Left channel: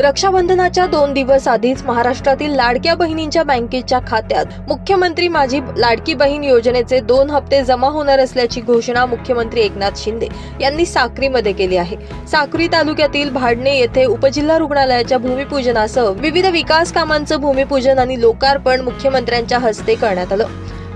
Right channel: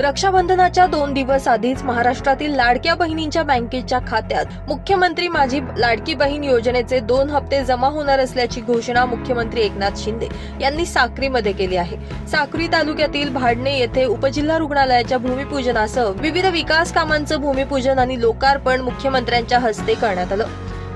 रक्षाबंधनाच्या दोन दिवस आधीच महाराष्ट्रातील लाडक्या बहिणींच्या बँकेच्या खात्यात मुख्यमंत्री माझी लाडकी बहीण योजनेचे दोन हप्ते जमा होणार असल्याची घोषणा मुख्यमंत्री एकनाथ शिंदे यांनी साक्रीमध्ये केली आहे. साक्री तालुक्यातील भाडणे येथे उपजिल्हा रुग्णालयाच्या भूमिपूजनासह विविध विकास कामांचं भूमिपूजन आणि लोकार्पण मुख्यमंत्र्यांच्या हस्ते करण्यात आलं.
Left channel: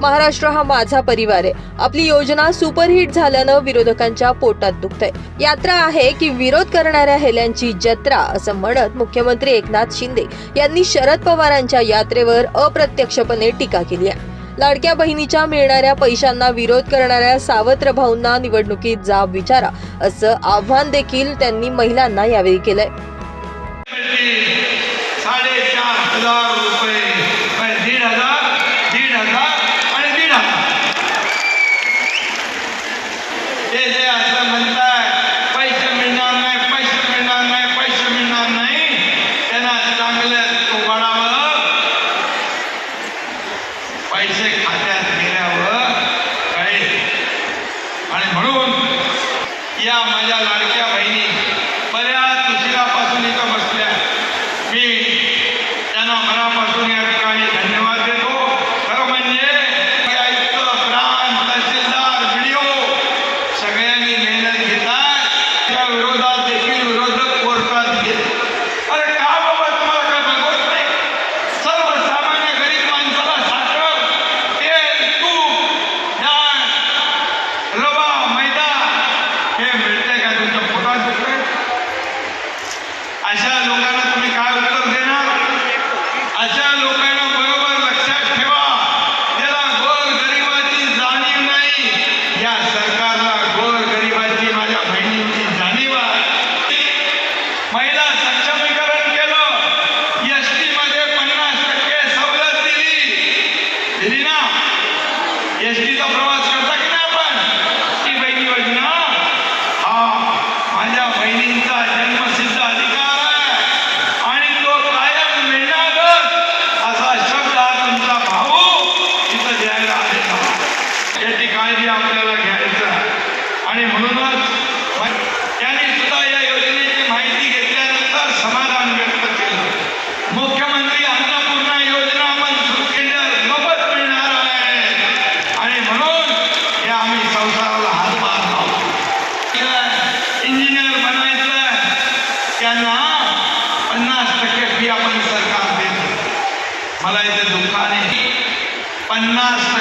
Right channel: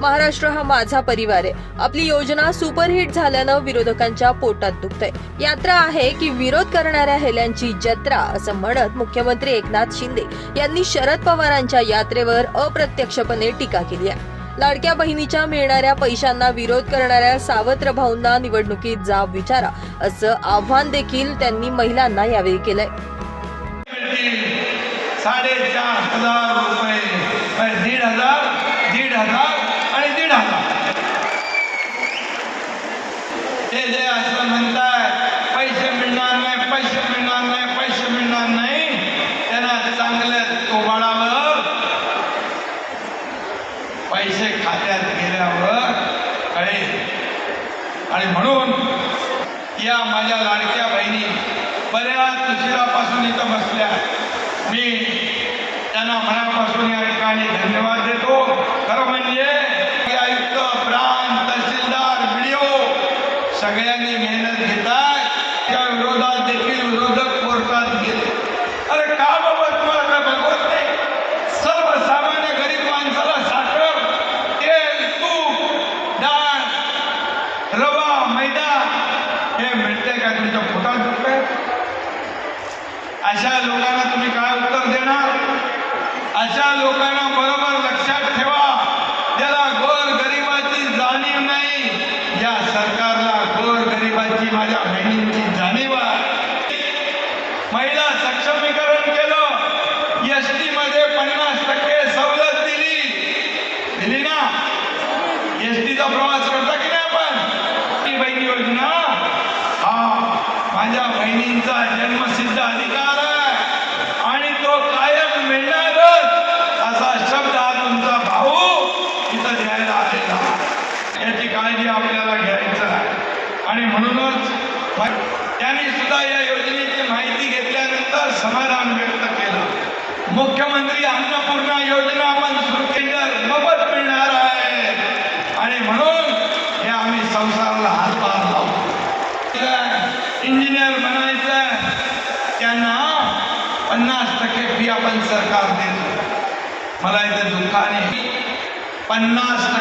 महाराष्ट्र हा माझा परिवार आहे. आपली योजना सुपरहिट झाल्यानं विरोधकांच्या पोटात दुखतंय. यात्रा आहे की विरोध करणाऱ्या हेल्यांची जत्रा असं म्हणत मुख्यमंत्री एकनाथ शिंदे यांनी शरद पवारांच्या यात्रेवर अप्रत्यक्षपणे टीका केली आहे. लाडक्या बहिणीच्या मिळणाऱ्या पैशांना विरोध करणाऱ्या सावत्र भाऊंना निवडणुकीत जाब विचारा असं आव्हान देखील त्यांनी महिलांना यावेळी केलंय. म्हणजे सगळ्यांनी मेहनत घेतात त्या विरोधात देखील विरोधक कोर्टात घेत আজালুকা मला इथे दुःखाने पन्नास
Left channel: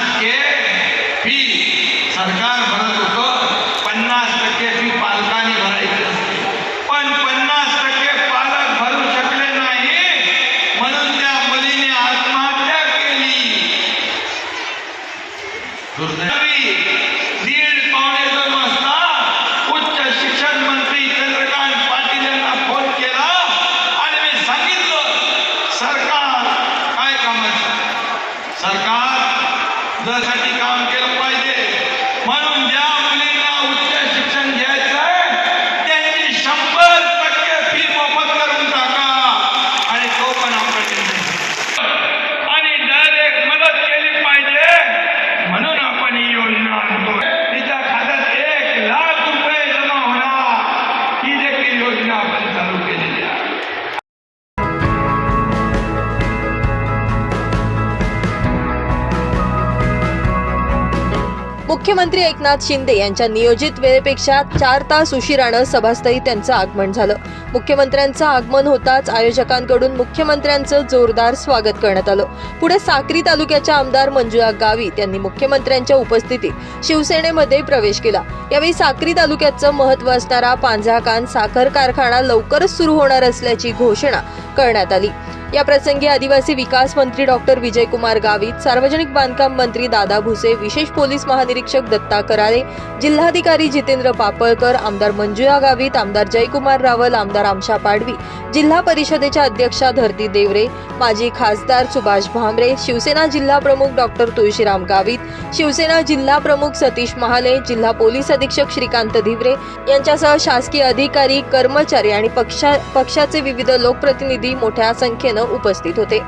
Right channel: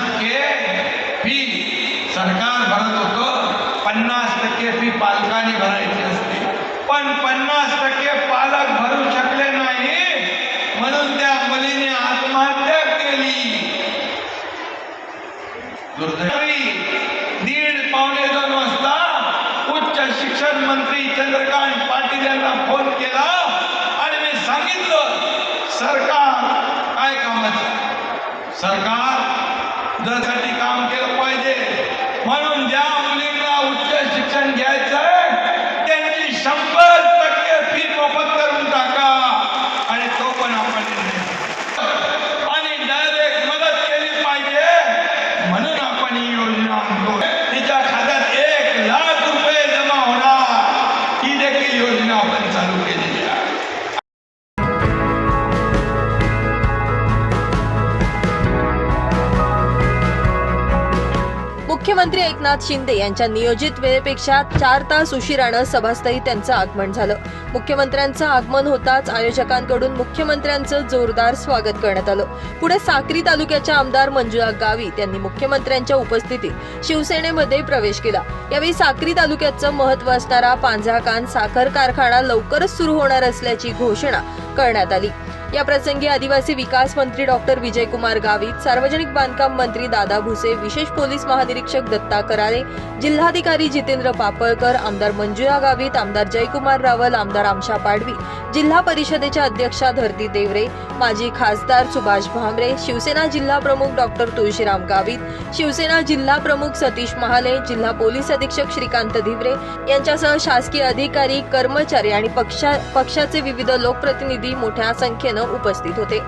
मुख्यमंत्री एकनाथ शिंदे यांच्या नियोजित वेळेपेक्षा चार तास उशिरानं सभास्थळी त्यांचं आगमन झालं. मुख्यमंत्र्यांचं आगमन होताच आयोजकांकडून मुख्यमंत्र्यांचं जोरदार स्वागत करण्यात आलं. पुढे साक्री तालुक्याच्या आमदार मंजुळा गावित यांनी मुख्यमंत्र्यांच्या उपस्थितीत शिवसेनेमध्ये प्रवेश केला. यावेळी साक्री तालुक्याचं महत्त्व असणारा पांझाकान साखर कारखाना लवकरच सुरू होणार असल्याची घोषणा करण्यात आली. या प्रसंगी आदिवासी विकास मंत्री डॉक्टर विजयकुमार गावित सार्वजनिक बांधकाम मंत्री दादा भुसे विशेष पोलीस महानिरीक्षक दत्ता कराळे जिल्हाधिकारी जितेंद्र पापळकर आमदार मंजुळा गावित आमदार जयकुमार रावल आमदार आमशा पाडवी जिल्हा परिषदेच्या अध्यक्षा धरती देवरे माजी खासदार सुभाष भामरे शिवसेना जिल्हा प्रमुख डॉक्टर तुळशीराम गावित शिवसेना जिल्हा प्रमुख सतीश महाले जिल्हा पोलीस अधीक्षक श्रीकांत धिवरे यांच्यासह शासकीय अधिकारी कर्मचारी आणि पक्षा पक्षाचे विविध लोकप्रतिनिधी मोठ्या संख्येनं उपस्थित होते.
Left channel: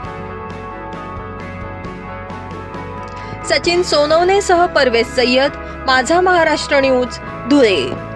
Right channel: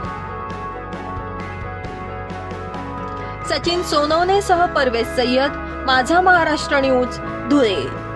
सचिन सोनवणेसह परवेज सय्यद माझा महाराष्ट्र न्यूज धुळे.